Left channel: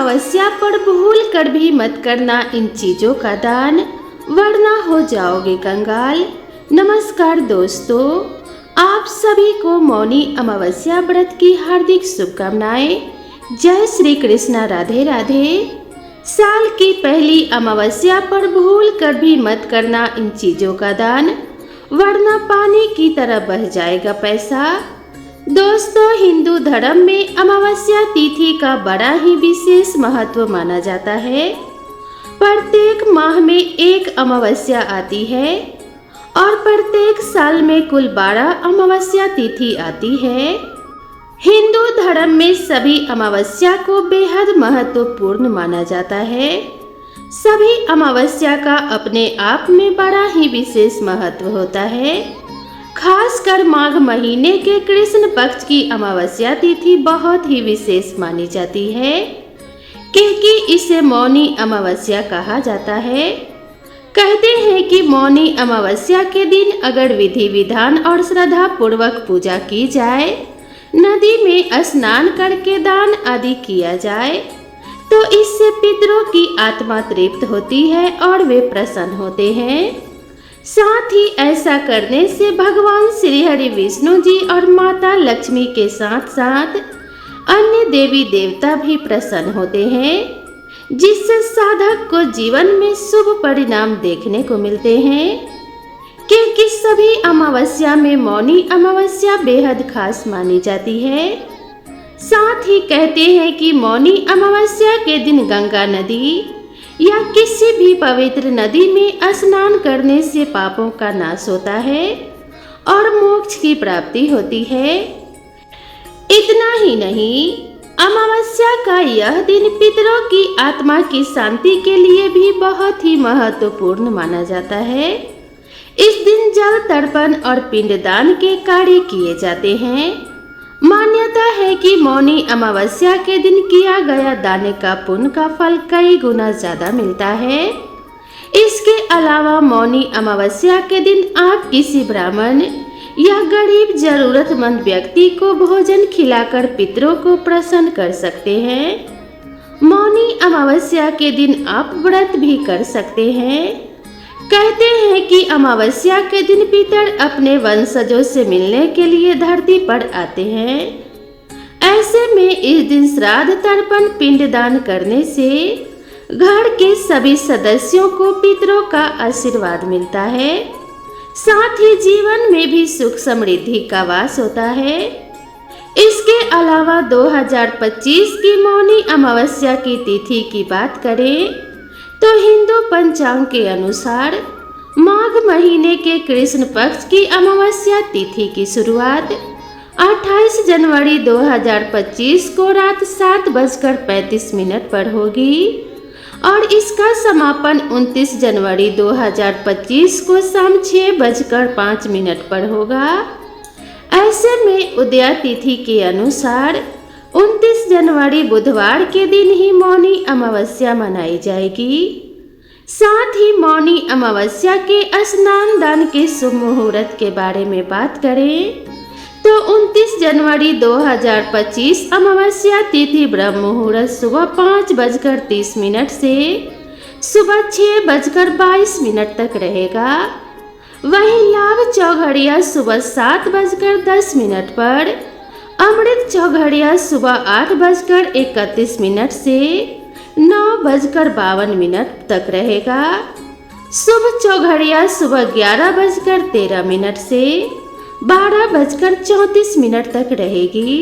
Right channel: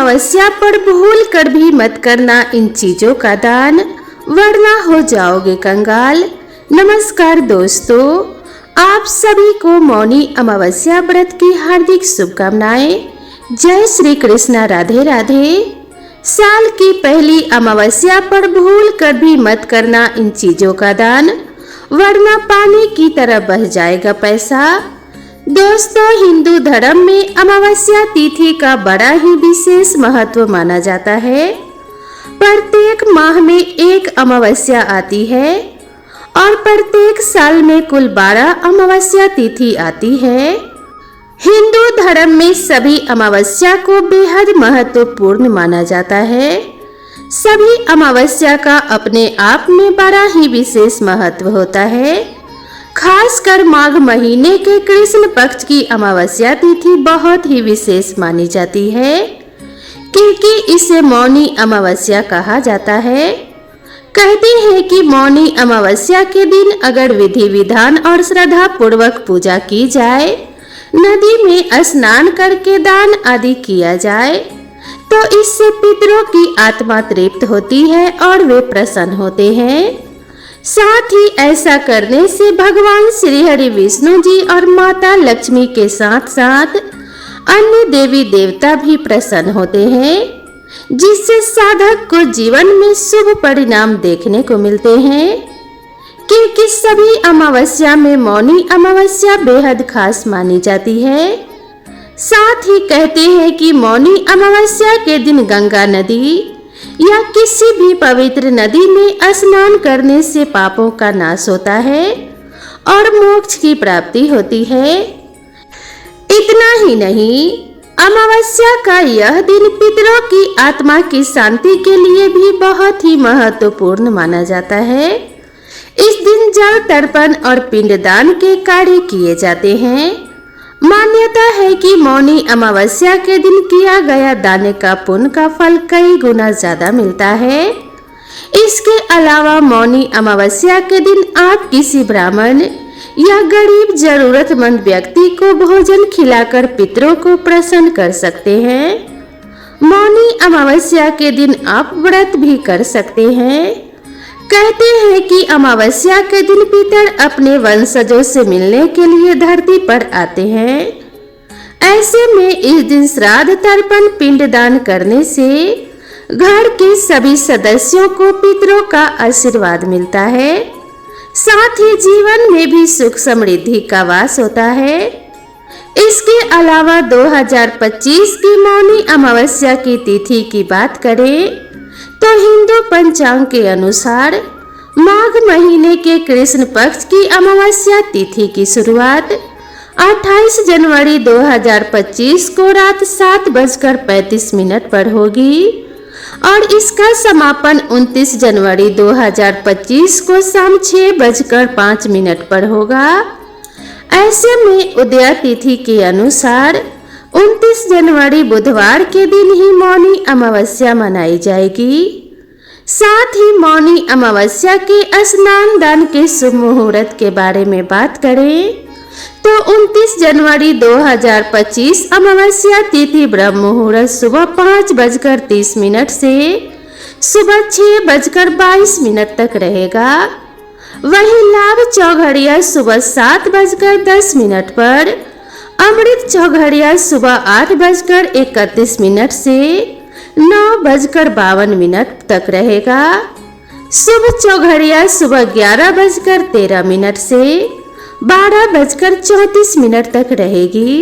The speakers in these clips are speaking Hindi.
अमावस्या पर भूल कर भी मत करना इन चीजों का दान, वरना हो जाओगे कंगाल। नमस्कार दोस्तों, आप सभी को मौनी अमावस्या व्रत की हार्दिक शुभकामनाएं। जय श्री कृष्णा, राधे राधे। साल की पहली अमावस्या पर भूल कर भी मत करना इन चीजों का दान, वरना पानी की तरह बह जाएगा पैसा। दोस्तों, हिंदू धर्म में अमावस्या तिथि का बड़ा ही विशेष महत्व माना जाता है। प्रत्येक माह में एक अमावस्या आती है और प्रत्येक साल में कुल 12 अमावस्या तिथि आती है। हिंदू धर्म में सभी अमावस्या को बेहद महत्वपूर्ण माना जाता है। सभी अमावस्या का अपने आप में बड़ा ही विशेष महत्व होता है। खासकर माघ महीने के कृष्ण पक्ष की अमावस्या तिथि बहुत ही विशेष मानी जाती है, क्योंकि इसे मौनी अमावस्या कहा जाता है। कहते हैं कि मौनी अमावस्या के दिन अगर विधि विधान और श्रद्धा पूर्वक पूजा की जाए, नदी में स्नान करके दान आदि किया जाए, तो इससे पितरों की आत्मा तृप्त होती है और वे प्रसन्न होते हैं। साथ ही ऐसा करने से भगवान श्री हरि विष्णु जी और माता लक्ष्मी के साथ साथ अन्य देवी देवता भी प्रसन्न होते हैं, जिससे साधक को जीवन में शुभ परिणाम देखने को मिलते हैं। क्योंकि सभी अमावस्या में मौनी अमावस्या बेहद खास मानी जाती है। साथ ही कहते हैं कि मौनी अमावस्या के दिन गंगा नदी या किसी भी पवित्र नदी में स्नान करने से पापों का नाश होता है और मोक्ष की प्राप्ति होती है। इतना ही नहीं, अमावस्या का यह दिन पितरों की आत्मा की शांति के लिए भी बहुत ही महत्वपूर्ण माना जाता है। इस दिन जल तर्पण और पिंडदान के कार्य किए जाते हैं। मान्यता है कि मौनी अमावस्या के दिन किया गया दान का पुण्य का फल कई गुना ज्यादा मिलता है। इसके अलावा मौनी अमावस्या के दिन आप किसी ब्राह्मण या गरीब जरूरतमंद व्यक्ति को भोजन खिलाकर पितरों को प्रसन्न कर सकते हैं। मौनी अमावस्या के दिन आप व्रत भी कर सकते हैं। कहते हैं कि अमावस्या के दिन पितर अपने वंशजों से मिलने के लिए धरती पर आते हैं। ऐसे में इस दिन श्राद्ध तर्पण पिंडदान करने से घर के सभी सदस्यों को पितरों का आशीर्वाद मिलता है। साथ ही जीवन में भी सुख समृद्धि का वास होता है। इसके अलावा 2025 की मौनी अमावस्या की तिथि की बात करें तो हिंदू पंचांग के अनुसार माघ महीने के कृष्ण पक्ष की अमावस्या तिथि की शुरुआत 28 जनवरी 2025 को रात 7:35 पर होगी और इसका समापन 29 जनवरी 2025 को शाम 6:05 पर होगा। ऐसे में उदया तिथि के अनुसार 29 जनवरी बुधवार के दिन ही मौनी अमावस्या मनाई जाएगी। साथ ही मौनी अमावस्या के स्नान दान के शुभ मुहूर्त के बारे में बात करें तो 29 जनवरी 2025 अमावस्या तिथि ब्रह्म मुहूर्त सुबह 5:30 से सुबह 6:22 तक रहेगा। वहीं लाभ चौघड़िया सुबह 7:10 पर, अमृत चौघड़िया सुबह 8:31 से 9:52 तक रहेगा। शुभ चौघड़िया सुबह 11:13 से 12:34 तक रहेगी।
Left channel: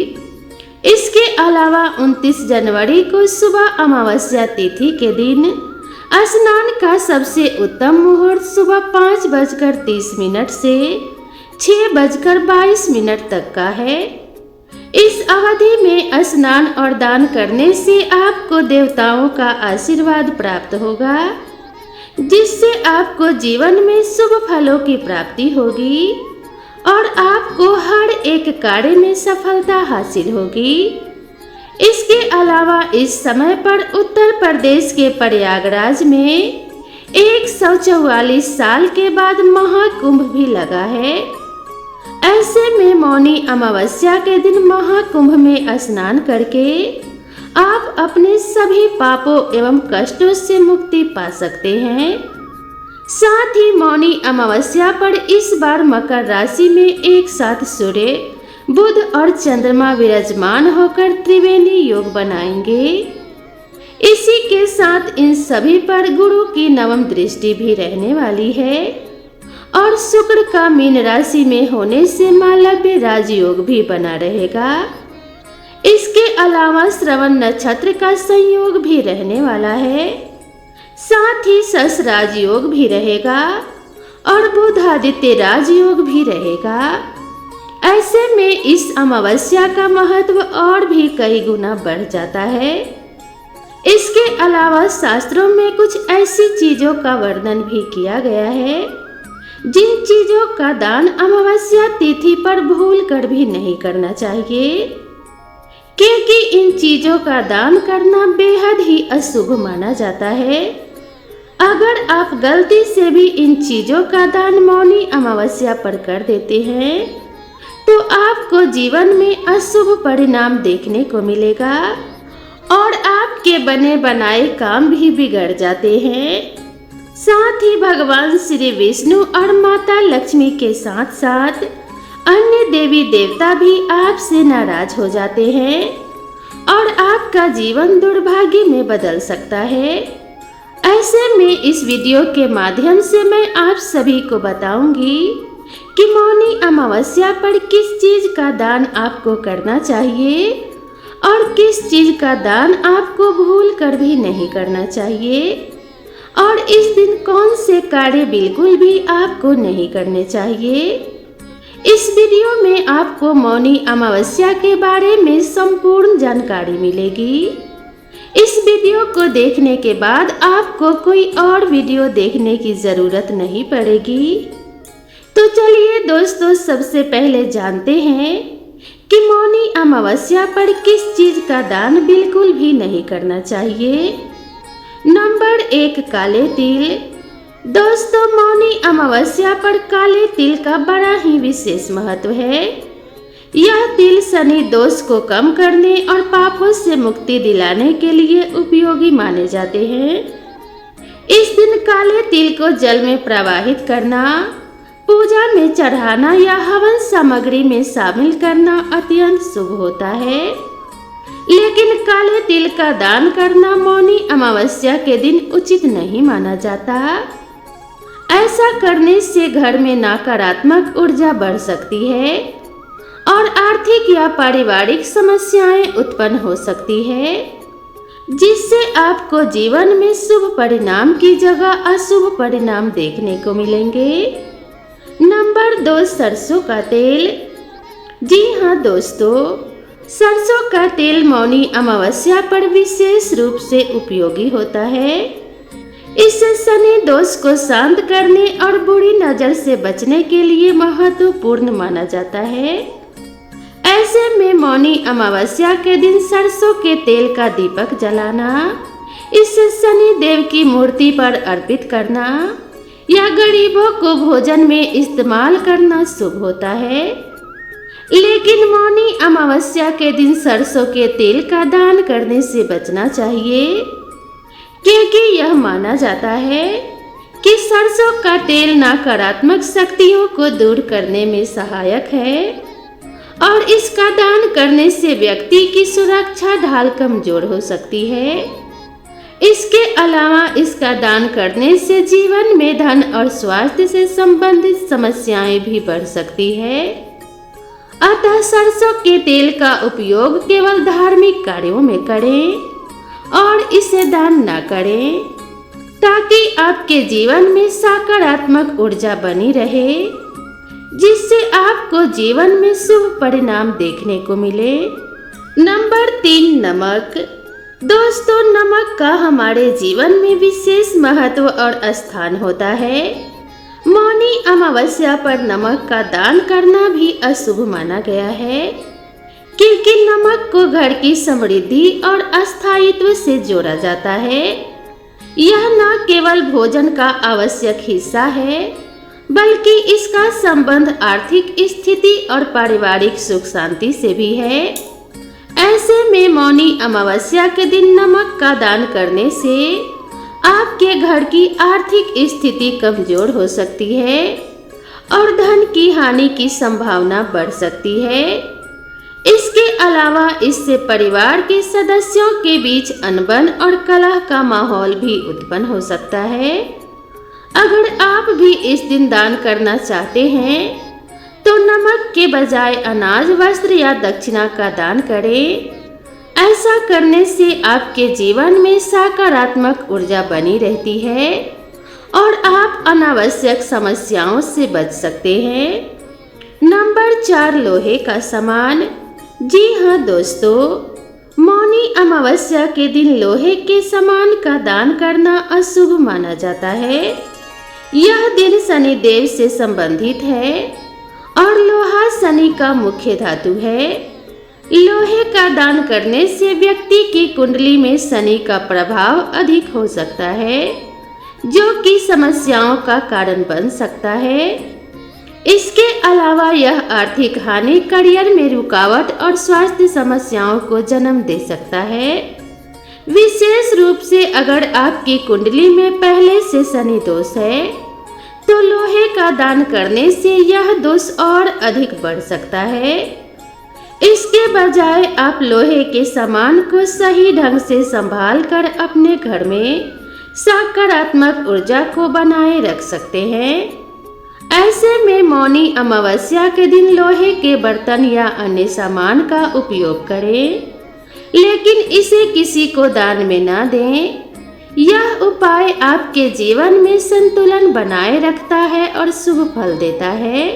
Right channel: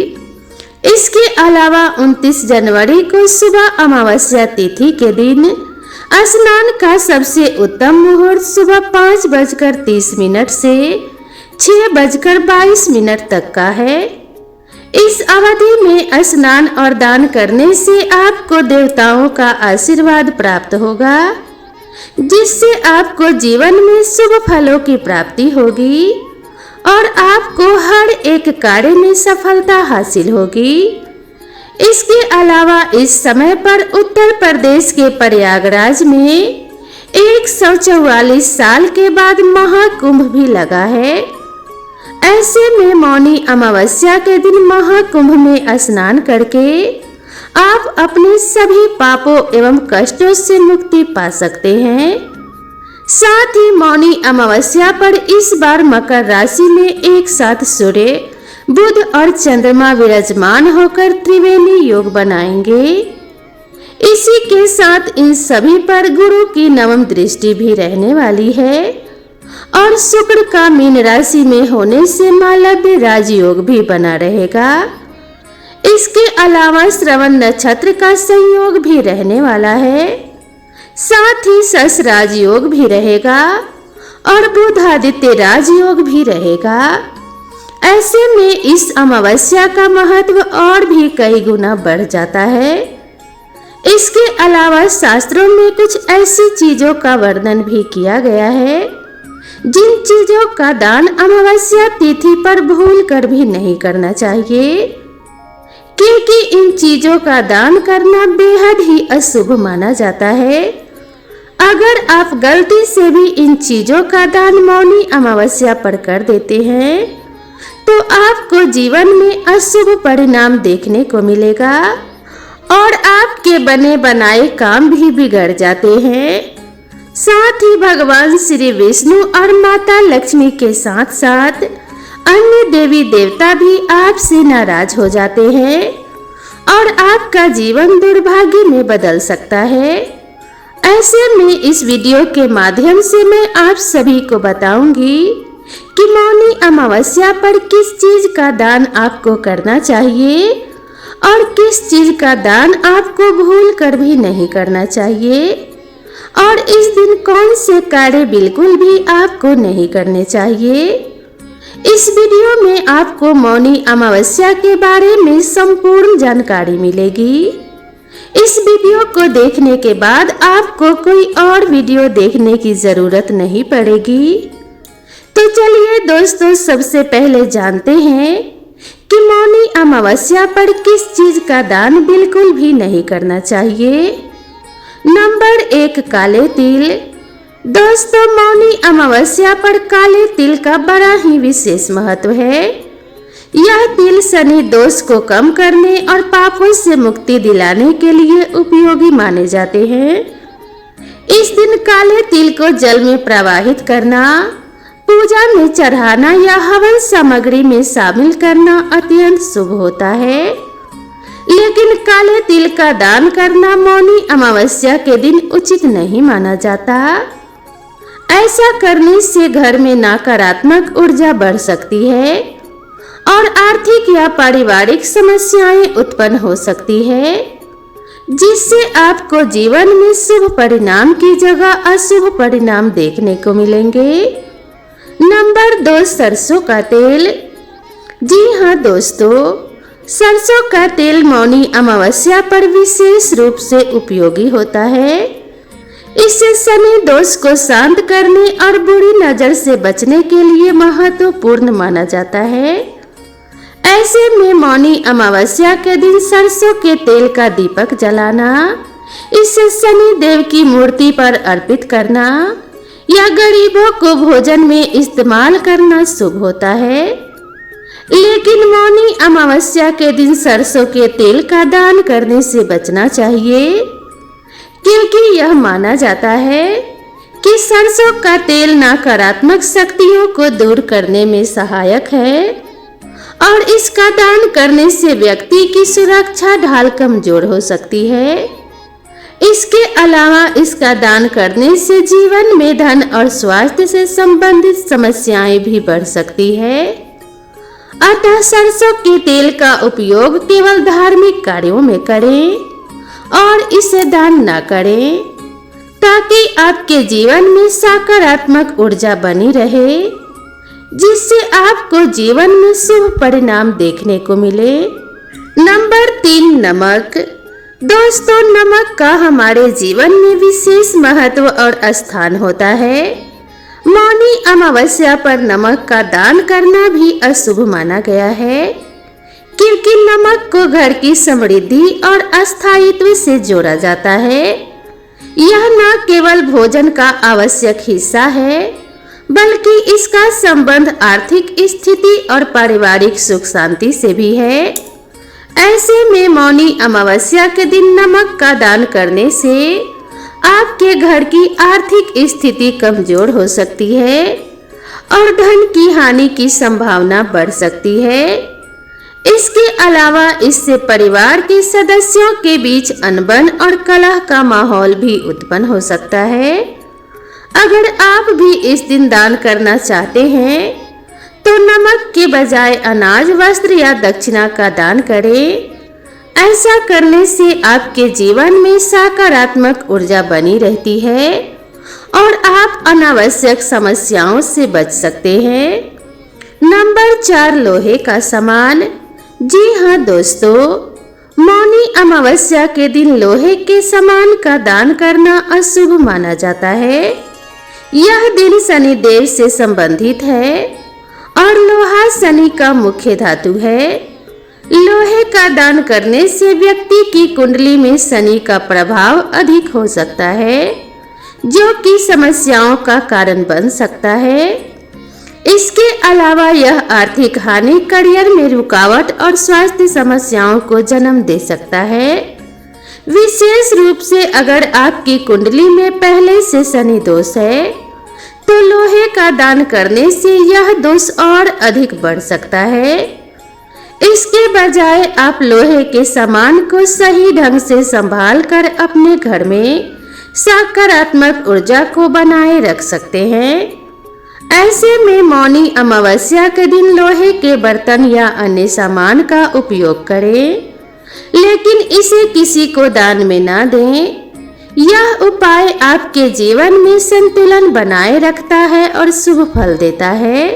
इसके अलावा 29 जनवरी को सुबह अमावस्या तिथि के दिन स्नान का सबसे उत्तम मुहूर्त सुबह 5:30 से 6:22 तक का है। इस अवधि में स्नान और दान करने से आपको देवताओं का आशीर्वाद प्राप्त होगा, जिससे आपको जीवन में शुभ फलों की प्राप्ति होगी और आपको हर एक कार्य में सफलता हासिल होगी। इसके अलावा इस समय पर उत्तर प्रदेश के प्रयागराज में 144 साल के बाद महाकुंभ भी लगा है। ऐसे में मौनी अमावस्या के दिन महाकुंभ में स्नान करके आप अपने सभी पापों एवं कष्टों से मुक्ति पा सकते हैं। साथ ही मौनी अमावस्या पर इस बार मकर राशि में एक साथ सूर्य, बुध और चंद्रमा विराजमान होकर त्रिवेणी योग बनाएंगे। इसी के साथ इन सभी पर गुरु की नवम दृष्टि भी रहने वाली है और शुक्र का मीन राशि में होने से मालव्य राजयोग भी बना रहेगा। इसके अलावा श्रवण नक्षत्र का संयोग भी रहने वाला है, साथ ही सस राजयोग भी रहेगा और बुधादित्य राजयोग भी रहेगा। ऐसे में इस अमावस्या का महत्व और भी कई गुना बढ़ जाता है। इसके अलावा शास्त्रों में कुछ ऐसी चीजों का वर्णन भी किया गया है जिन चीजों का दान अमावस्या तिथि पर भूल कर भी नहीं करना चाहिए, क्योंकि इन चीजों का दान करना बेहद ही अशुभ माना जाता है। अगर आप गलती से भी इन चीजों का दान मौनी अमावस्या पर कर देते हैं तो आपको जीवन में अशुभ परिणाम देखने को मिलेगा और आपके बने बनाए काम भी बिगड़ जाते हैं। साथ ही भगवान श्री विष्णु और माता लक्ष्मी के साथ साथ अन्य देवी देवता भी आपसे नाराज हो जाते हैं और आपका जीवन दुर्भाग्य में बदल सकता है। ऐसे में इस वीडियो के माध्यम से मैं आप सभी को बताऊंगी कि मौनी अमावस्या पर किस चीज का दान आपको करना चाहिए और किस चीज का दान आपको भूल कर भी नहीं करना चाहिए और इस दिन कौन से कार्य बिल्कुल भी आपको नहीं करने चाहिए। इस वीडियो में आपको मौनी अमावस्या के बारे में संपूर्ण जानकारी मिलेगी। इस वीडियो को देखने के बाद आपको कोई और वीडियो देखने की जरूरत नहीं पड़ेगी। तो चलिए दोस्तों, सबसे पहले जानते हैं कि मौनी अमावस्या पर किस चीज का दान बिल्कुल भी नहीं करना चाहिए। नंबर 1, काले तिल। दोस्तों, मौनी अमावस्या पर काले तिल का बड़ा ही विशेष महत्व है। यह तिल शनि दोष को कम करने और पापों से मुक्ति दिलाने के लिए उपयोगी माने जाते हैं। इस दिन काले तिल को जल में प्रवाहित करना, पूजा में चढ़ाना या हवन सामग्री में शामिल करना अत्यंत शुभ होता है, लेकिन काले तिल का दान करना मौनी अमावस्या के दिन उचित नहीं माना जाता। ऐसा करने से घर में नकारात्मक ऊर्जा बढ़ सकती है और आर्थिक या पारिवारिक समस्याएं उत्पन्न हो सकती है, जिससे आपको जीवन में शुभ परिणाम की जगह अशुभ परिणाम देखने को मिलेंगे। नंबर 2, सरसों का तेल। जी हाँ दोस्तों, सरसों का तेल मौनी अमावस्या पर विशेष रूप से उपयोगी होता है। इससे शनि दोष को शांत करने और बुरी नजर से बचने के लिए महत्वपूर्ण माना जाता है। ऐसे में मौनी अमावस्या के दिन सरसों के तेल का दीपक जलाना, इसे शनि देव की मूर्ति पर अर्पित करना या गरीबों को भोजन में इस्तेमाल करना शुभ होता है। लेकिन मौनी अमावस्या के दिन सरसों के तेल का दान करने से बचना चाहिए, क्योंकि यह माना जाता है कि सरसों का तेल नकारात्मक शक्तियों को दूर करने में सहायक है और इसका दान करने से व्यक्ति की सुरक्षा ढाल कमजोर हो सकती है। इसके अलावा इसका दान करने से जीवन में धन और स्वास्थ्य से संबंधित समस्याएं भी बढ़ सकती है। अतः सरसों के तेल का उपयोग केवल धार्मिक कार्यों में करें और इसे दान न करें, ताकि आपके जीवन में सकारात्मक ऊर्जा बनी रहे, जिससे आपको जीवन में शुभ परिणाम देखने को मिले। नंबर 3, नमक। दोस्तों, नमक का हमारे जीवन में विशेष महत्व और स्थान होता है। मौनी अमावस्या पर नमक का दान करना भी अशुभ माना गया है, क्योंकि नमक को घर की समृद्धि और अस्थायित्व से जोड़ा जाता है। यह न केवल भोजन का आवश्यक हिस्सा है, बल्कि इसका संबंध आर्थिक स्थिति और पारिवारिक सुख शांति से भी है। ऐसे में मौनी अमावस्या के दिन नमक का दान करने से आपके घर की आर्थिक स्थिति कमजोर हो सकती है और धन की हानि की संभावना बढ़ सकती है। इसके अलावा इससे परिवार के सदस्यों के बीच अनबन और कलह का माहौल भी उत्पन्न हो सकता है। अगर आप भी इस दिन दान करना चाहते हैं तो नमक के बजाय अनाज, वस्त्र या दक्षिणा का दान करें। ऐसा करने से आपके जीवन में सकारात्मक ऊर्जा बनी रहती है और आप अनावश्यक समस्याओं से बच सकते हैं। नंबर 4, लोहे का सामान। जी हाँ दोस्तों, मौनी अमावस्या के दिन लोहे के सामान का दान करना अशुभ माना जाता है। यह दिन शनि देव से संबंधित है और लोहा शनि का मुख्य धातु है। लोहे का दान करने से व्यक्ति की कुंडली में शनि का प्रभाव अधिक हो सकता है, जो कि समस्याओं का कारण बन सकता है। इसके अलावा यह आर्थिक हानि, करियर में रुकावट और स्वास्थ्य समस्याओं को जन्म दे सकता है। विशेष रूप से अगर आपकी कुंडली में पहले से शनि दोष है तो लोहे का दान करने से यह दोष और अधिक बढ़ सकता है। इसके बजाय आप लोहे के सामान को सही ढंग से संभाल कर अपने घर में सकारात्मक ऊर्जा को बनाए रख सकते हैं। ऐसे में मौनी अमावस्या के दिन लोहे के बर्तन या अन्य सामान का उपयोग करें, लेकिन इसे किसी को दान में ना दें। यह उपाय आपके जीवन में संतुलन बनाए रखता है और शुभ फल देता है।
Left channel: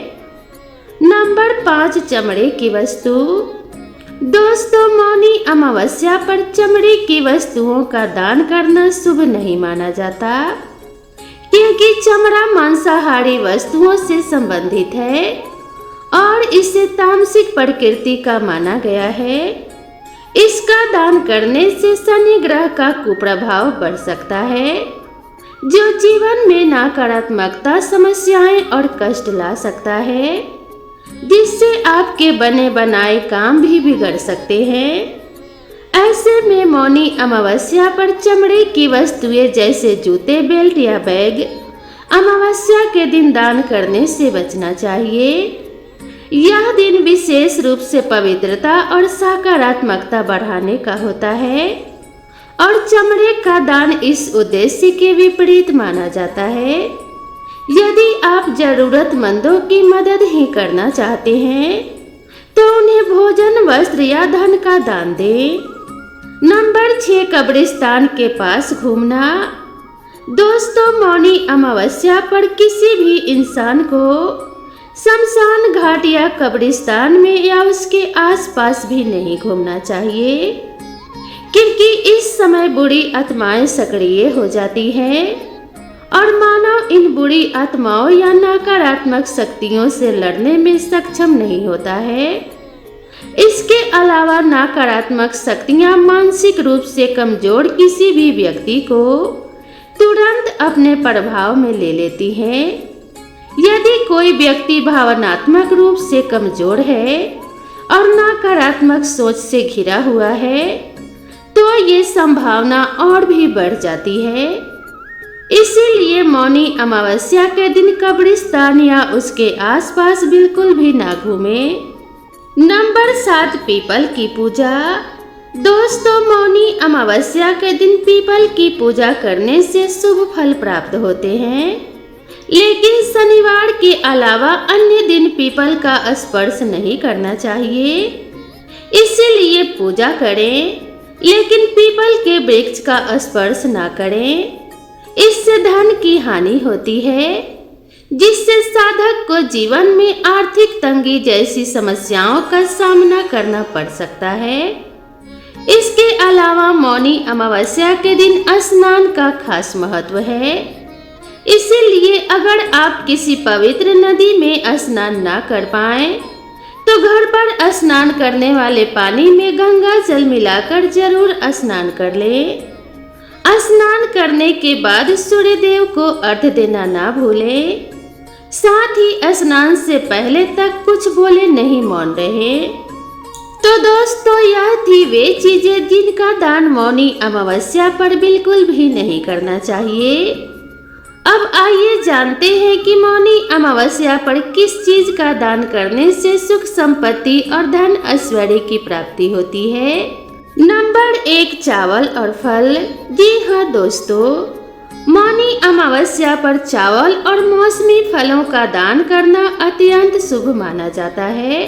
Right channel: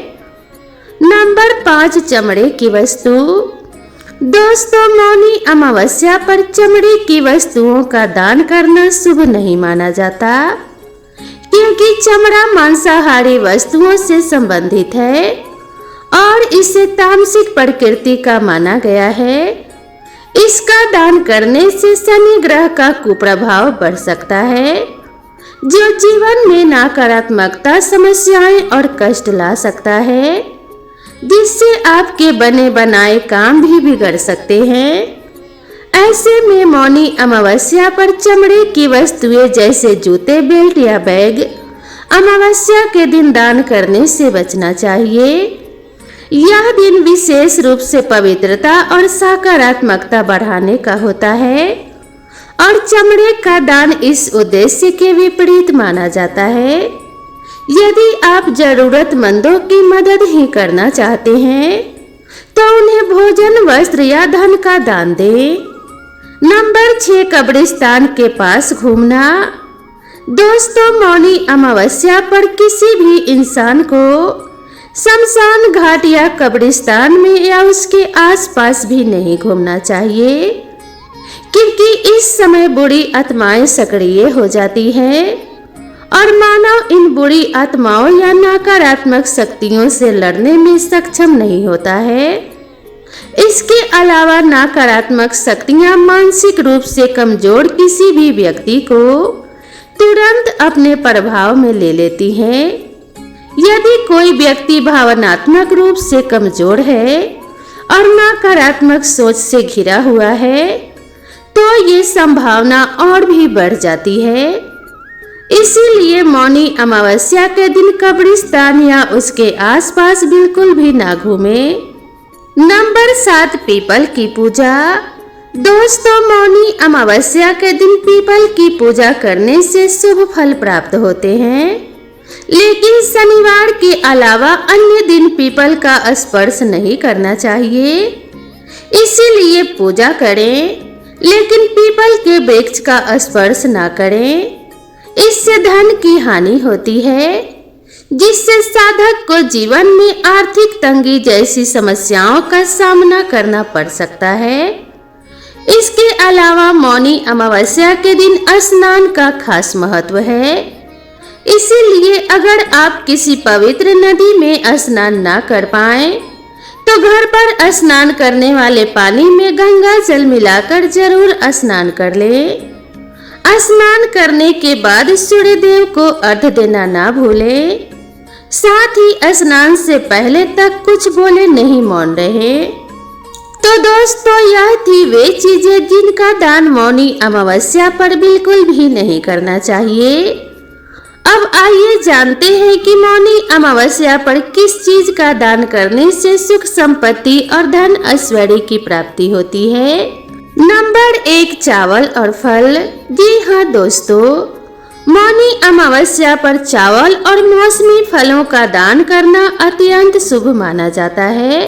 नंबर 5, चमड़े की वस्तु। दोस्तों, मौनी अमावस्या पर चमड़े की वस्तुओं का दान करना शुभ नहीं माना जाता, क्योंकि चमड़ा मांसाहारी वस्तुओं से संबंधित है और इसे तामसिक प्रकृति का माना गया है। इसका दान करने से शनि ग्रह का कुप्रभाव बढ़ सकता है, जो जीवन में नकारात्मकता, समस्याएं और कष्ट ला सकता है, जिससे आपके बने बनाए काम भी बिगड़ सकते हैं। ऐसे में मौनी अमावस्या पर चमड़े की वस्तुएं जैसे जूते, बेल्ट या बैग अमावस्या के दिन दान करने से बचना चाहिए। यह दिन विशेष रूप से पवित्रता और सकारात्मकता बढ़ाने का होता है और चमड़े का दान इस उद्देश्य के विपरीत माना जाता है। यदि आप जरूरतमंदों की मदद ही करना चाहते हैं तो उन्हें भोजन, वस्त्र या धन का दान दें। नंबर 6, कब्रिस्तान के पास घूमना। दोस्तों, मौनी अमावस्या पर किसी भी इंसान को शमशान घाट या कब्रिस्तान में या उसके आसपास भी नहीं घूमना चाहिए, क्योंकि इस समय बुरी आत्माएं सक्रिय हो जाती हैं और मानव इन बुरी आत्माओं या नकारात्मक शक्तियों से लड़ने में सक्षम नहीं होता है। इसके अलावा नकारात्मक शक्तियां मानसिक रूप से कमजोर किसी भी व्यक्ति को तुरंत अपने प्रभाव में ले लेती हैं। यदि कोई व्यक्ति भावनात्मक रूप से कमजोर है और नकारात्मक सोच से घिरा हुआ है तो ये संभावना और भी बढ़ जाती है। इसीलिए मौनी अमावस्या के दिन कब्रिस्तान या उसके आसपास बिल्कुल भी ना घूमें। नंबर 7, पीपल की पूजा। दोस्तों, मौनी अमावस्या के दिन पीपल की पूजा करने से शुभ फल प्राप्त होते हैं, लेकिन शनिवार के अलावा अन्य दिन पीपल का स्पर्श नहीं करना चाहिए। इसीलिए पूजा करें, लेकिन पीपल के वृक्ष का स्पर्श ना करें। इससे धन की हानि होती है, जिससे साधक को जीवन में आर्थिक तंगी जैसी समस्याओं का सामना करना पड़ सकता है। इसके अलावा मौनी अमावस्या के दिन स्नान का खास महत्व है। इसीलिए अगर आप किसी पवित्र नदी में स्नान ना कर पाएं, तो घर पर स्नान करने वाले पानी में गंगा जल मिलाकर जरूर स्नान कर लें। स्नान करने के बाद सूर्य देव को अर्घ्य देना ना भूलें। साथ ही स्नान से पहले तक कुछ बोले नहीं, मौन रहे। तो दोस्तों, यह थी वे चीजें जिनका दान मौनी अमावस्या पर बिल्कुल भी नहीं करना चाहिए। अब आइए जानते हैं कि मौनी अमावस्या पर किस चीज का दान करने से सुख संपत्ति और धन ऐश्वर्य की प्राप्ति होती है। नंबर 1, चावल और फल। जी हाँ दोस्तों, मौनी अमावस्या पर चावल और मौसमी फलों का दान करना अत्यंत शुभ माना जाता है।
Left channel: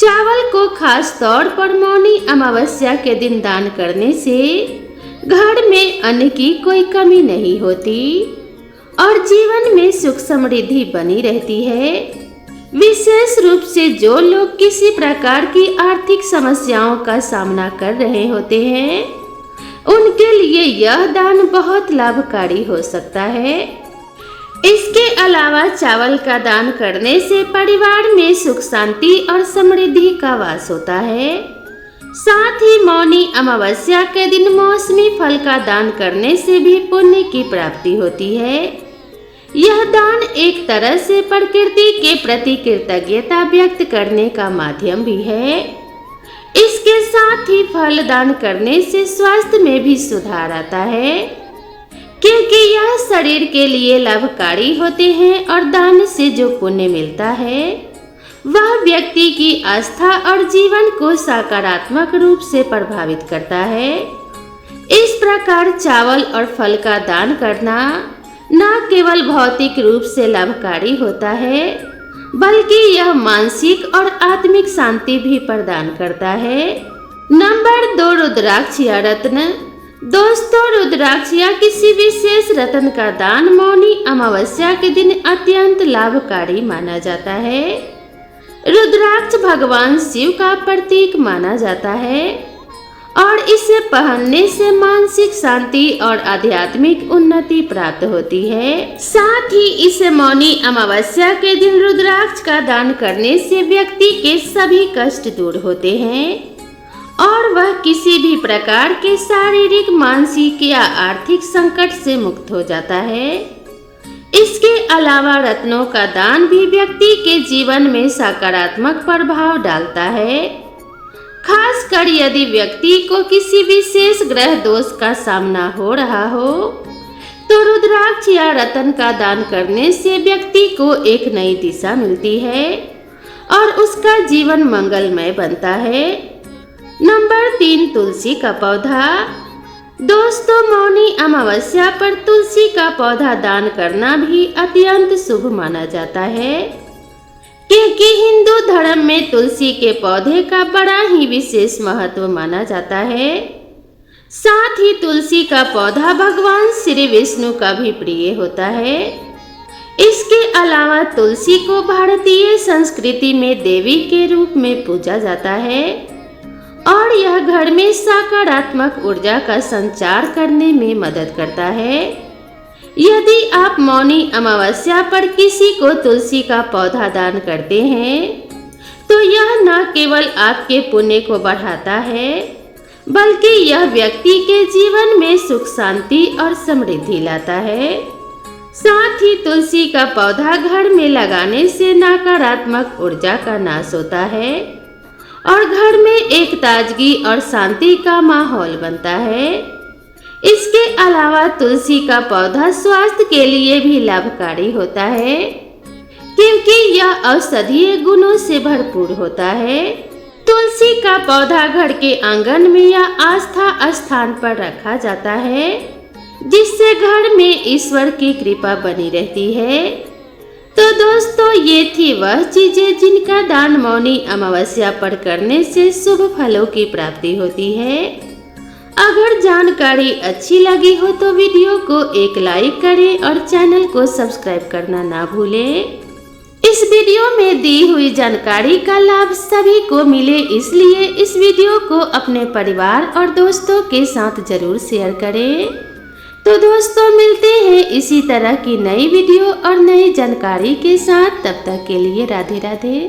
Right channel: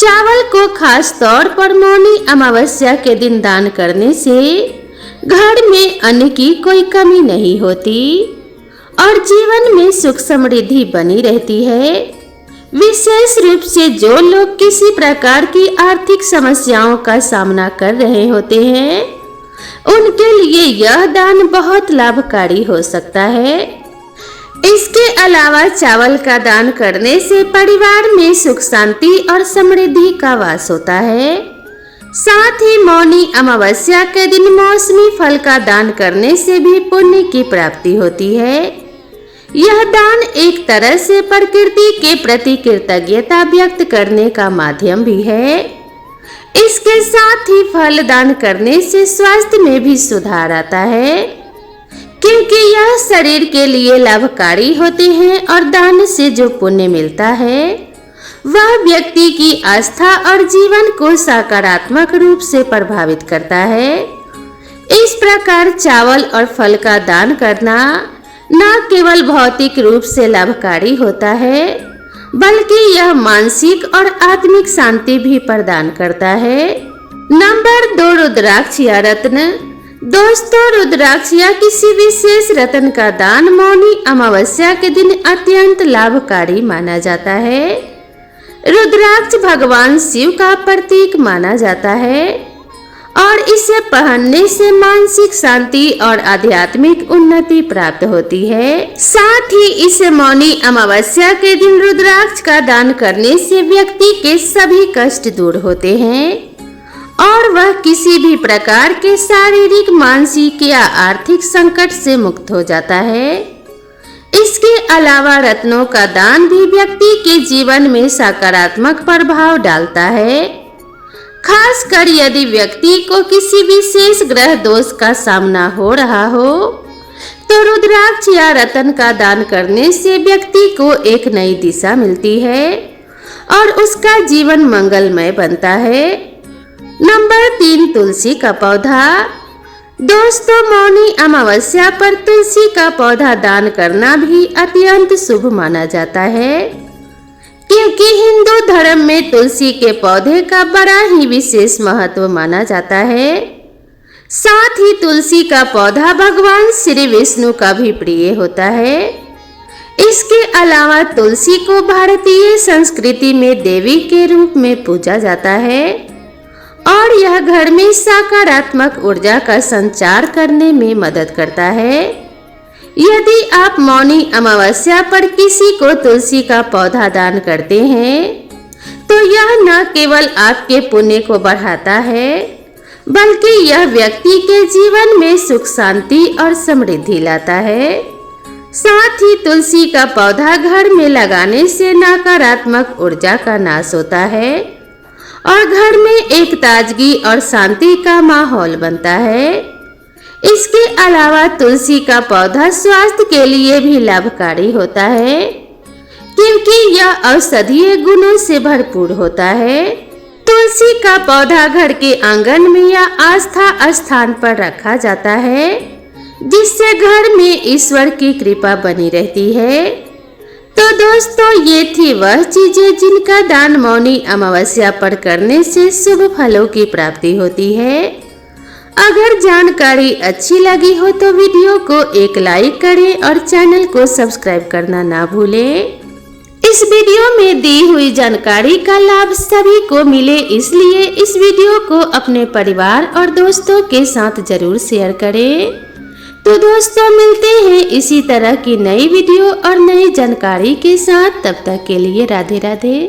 चावल को खास तौर पर मौनी अमावस्या के दिन दान करने से घर में अन्न की कोई कमी नहीं होती और जीवन में सुख समृद्धि बनी रहती है। विशेष रूप से जो लोग किसी प्रकार की आर्थिक समस्याओं का सामना कर रहे होते हैं, उनके लिए यह दान बहुत लाभकारी हो सकता है। इसके अलावा चावल का दान करने से परिवार में सुख शांति और समृद्धि का वास होता है। साथ ही मौनी अमावस्या के दिन मौसमी फल का दान करने से भी पुण्य की प्राप्ति होती है। यह दान एक तरह से प्रकृति के प्रति कृतज्ञता व्यक्त करने का माध्यम भी है। इसके साथ ही फल दान करने से स्वास्थ्य में भी सुधार आता है, क्योंकि यह शरीर के लिए लाभकारी होते हैं और दान से जो पुण्य मिलता है वह व्यक्ति की आस्था और जीवन को सकारात्मक रूप से प्रभावित करता है। इस प्रकार चावल और फल का दान करना न केवल भौतिक रूप से लाभकारी होता है, बल्कि यह मानसिक और आत्मिक शांति भी प्रदान करता है। नंबर 2, रुद्राक्ष या रत्न। दोस्तों, रुद्राक्ष या किसी विशेष रत्न का दान मौनी अमावस्या के दिन अत्यंत लाभकारी माना जाता है। रुद्राक्ष भगवान शिव का प्रतीक माना जाता है और इसे पहनने से मानसिक शांति और आध्यात्मिक उन्नति प्राप्त होती है। साथ ही इसे मौनी अमावस्या के दिन रुद्राक्ष का दान करने से व्यक्ति के सभी कष्ट दूर होते हैं और वह किसी भी प्रकार के शारीरिक, मानसिक या आर्थिक संकट से मुक्त हो जाता है। इसके अलावा रत्नों का दान भी व्यक्ति के जीवन में सकारात्मक प्रभाव डालता है। खासकर यदि व्यक्ति को किसी विशेष ग्रह दोष का सामना हो रहा हो, तो रुद्राक्ष या रत्न का दान करने से व्यक्ति को एक नई दिशा मिलती है और उसका जीवन मंगलमय बनता है। नंबर 3, तुलसी का पौधा। दोस्तों, मौनी अमावस्या पर तुलसी का पौधा दान करना भी अत्यंत शुभ माना जाता है, क्योंकि हिंदू धर्म में तुलसी के पौधे का बड़ा ही विशेष महत्व माना जाता है। साथ ही तुलसी का पौधा भगवान श्री विष्णु का भी प्रिय होता है। इसके अलावा तुलसी को भारतीय संस्कृति में देवी के रूप में पूजा जाता है और यह घर में सकारात्मक ऊर्जा का संचार करने में मदद करता है। यदि आप मौनी अमावस्या पर किसी को तुलसी का पौधा दान करते हैं, तो यह न केवल आपके पुण्य को बढ़ाता है, बल्कि यह व्यक्ति के जीवन में सुख शांति और समृद्धि लाता है। साथ ही तुलसी का पौधा घर में लगाने से नकारात्मक ऊर्जा का नाश होता है और घर में एक ताजगी और शांति का माहौल बनता है। इसके अलावा तुलसी का पौधा स्वास्थ्य के लिए भी लाभकारी होता है, क्योंकि यह औषधीय गुणों से भरपूर होता है। तुलसी का पौधा घर के आंगन में या आस्था स्थान पर रखा जाता है, जिससे घर में ईश्वर की कृपा बनी रहती है। तो दोस्तों, ये थी वह चीजें जिनका दान मौनी अमावस्या पर करने से शुभ फलों की प्राप्ति होती है। अगर जानकारी अच्छी लगी हो तो वीडियो को एक लाइक करें और चैनल को सब्सक्राइब करना ना भूलें। इस वीडियो में दी हुई जानकारी का लाभ सभी को मिले, इसलिए इस वीडियो को अपने परिवार और दोस्तों के साथ जरूर शेयर करें। तो दोस्तों, मिलते हैं इसी तरह की नई वीडियो और नई जानकारी के साथ। तब तक के लिए राधे राधे।